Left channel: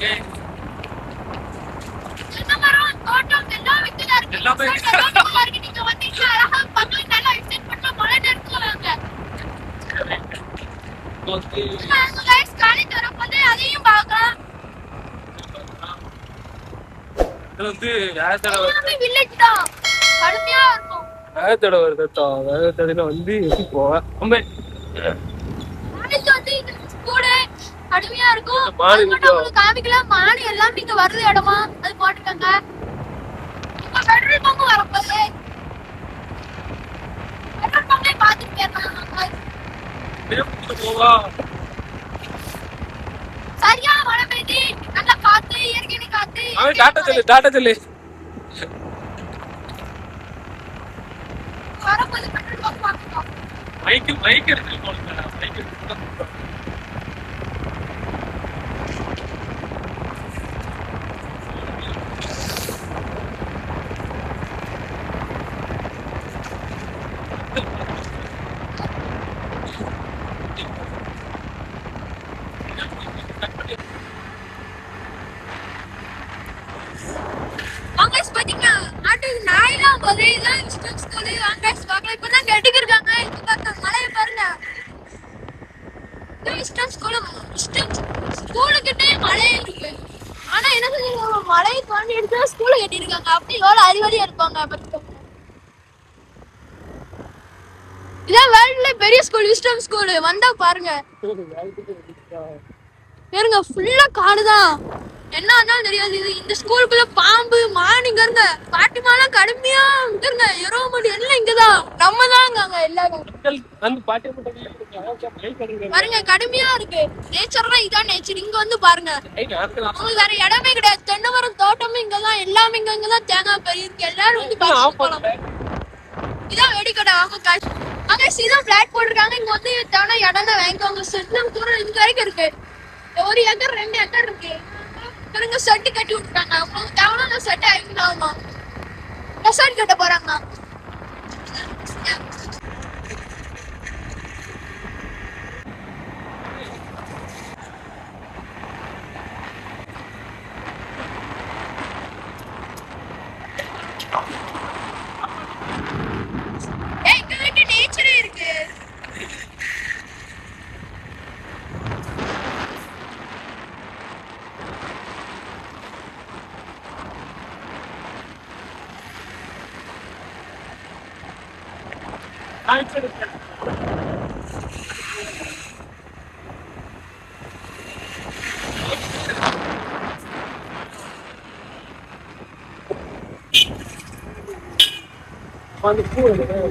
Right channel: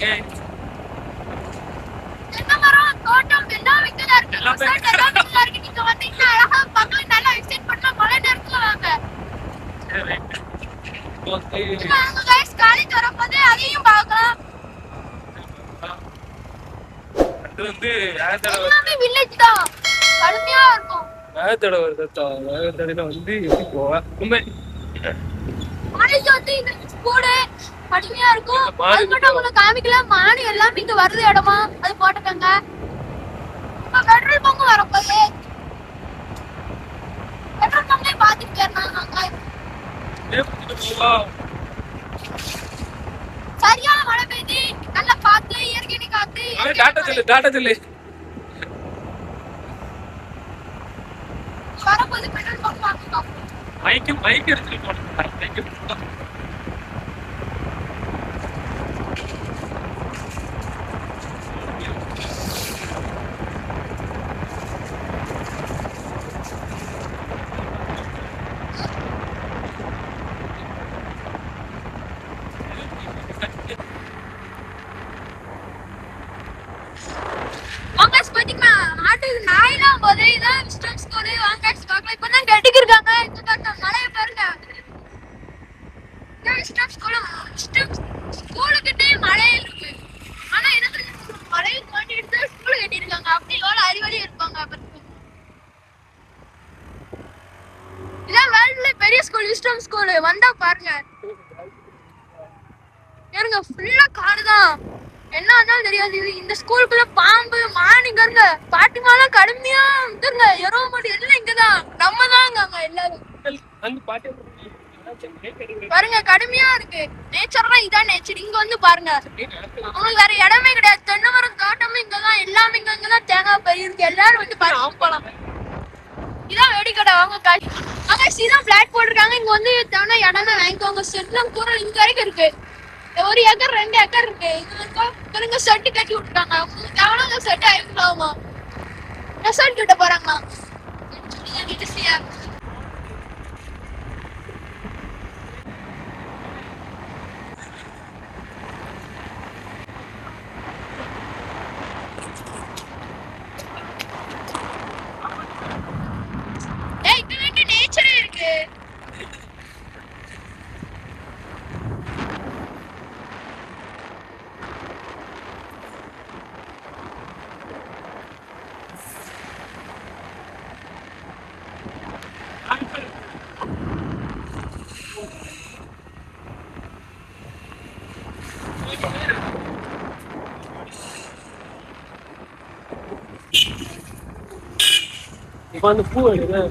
தென்னை மரம் தோட்டம் எல்லாம் இங்கதான் இருக்கு. எல்லாமே இருக்கு. நீங்க வந்தீங்கன்னா அழகா பக்கம் நல்லா எக்ஸ்டெண்ட் பண்ணா மழை நேரத்துல வாங்க. காலேஜ் வரப்போது அதையும் பார்க்கலாம். எல்லாமே வில்லேஜ் தான், கடுமையா இருக்கும். வேகத்தடை வருதா? வேகத்தடையில வந்து எப்படி போவேன்? காலேஜ் வந்து இந்த ஸ்கூலு கடுமையா இருக்கும். அது மட்டும் உங்களுக்கு காமிக்கலாம். மானு எல்லாமே இங்க வருது இடமா அது போட்டுக்கங்க. இப்ப பெட்ரோல் பங்க் வரப்போது பெட்ரோல் பங்க்லயே பாத்துட்டு சரியான மழை பெய்து நல்லா காத்து இயற்கை காத்து. டாட்டா சொல்லு வரப்போது பெட்ரோல் பங்க் பாத்துக்கலாம். மைக் எடுத்துட்டு போடுங்க. மைக் எடுத்து பெரிய ஸ்கூல் விஸ்டம் ஸ்கூல் வந்தா பாருங்க. இருங்க ஃபுல்லா காடுதான், என்ன ஆனாலும் தெரியாது. இது இந்த ஸ்கூலுக்குள்ள பாம்பு மானுங்க இருங்க, பாட்டிமாலாம் கடுமையா இருங்க, எரோமடி எல்லாம் இங்கதான், நம்ம தாங்க எல்லாரும் பாருங்க கடுமையா இருக்கு. நேச்சர்லாம் இதான் நேச்சர். இங்க வந்து பாருங்க, உங்களுக்கு வேற இடமே கிடையாது. தென்னை மரம் தோட்டமும் இங்கதான், எல்லாமே இங்கதான், தேங்காய் பயிர் இருக்கு. எல்லாரும் வந்து பார்த்து போலாம். இதான் வெடிக்கடை. வாங்க காசு அங்க சீதா பிளாட் போட்டிருக்காங்க. இங்க வந்து தேவை இடம்னா வாங்கிக்கோங்க. செட்லாம் கூட இங்க வரைக்கும் இருக்கு. 1 ஏக்கர் 2 ஏக்கர் இருக்கு. இங்க செட்டு கட்டி விட்டுருக்காங்க. உங்களுக்கு தேவையான செட் ஆயிருக்கலாமா? ரெசார்ட் கட்ட போறாங்களா? நேச்சரே இருக்கு. பூ இங்கதான்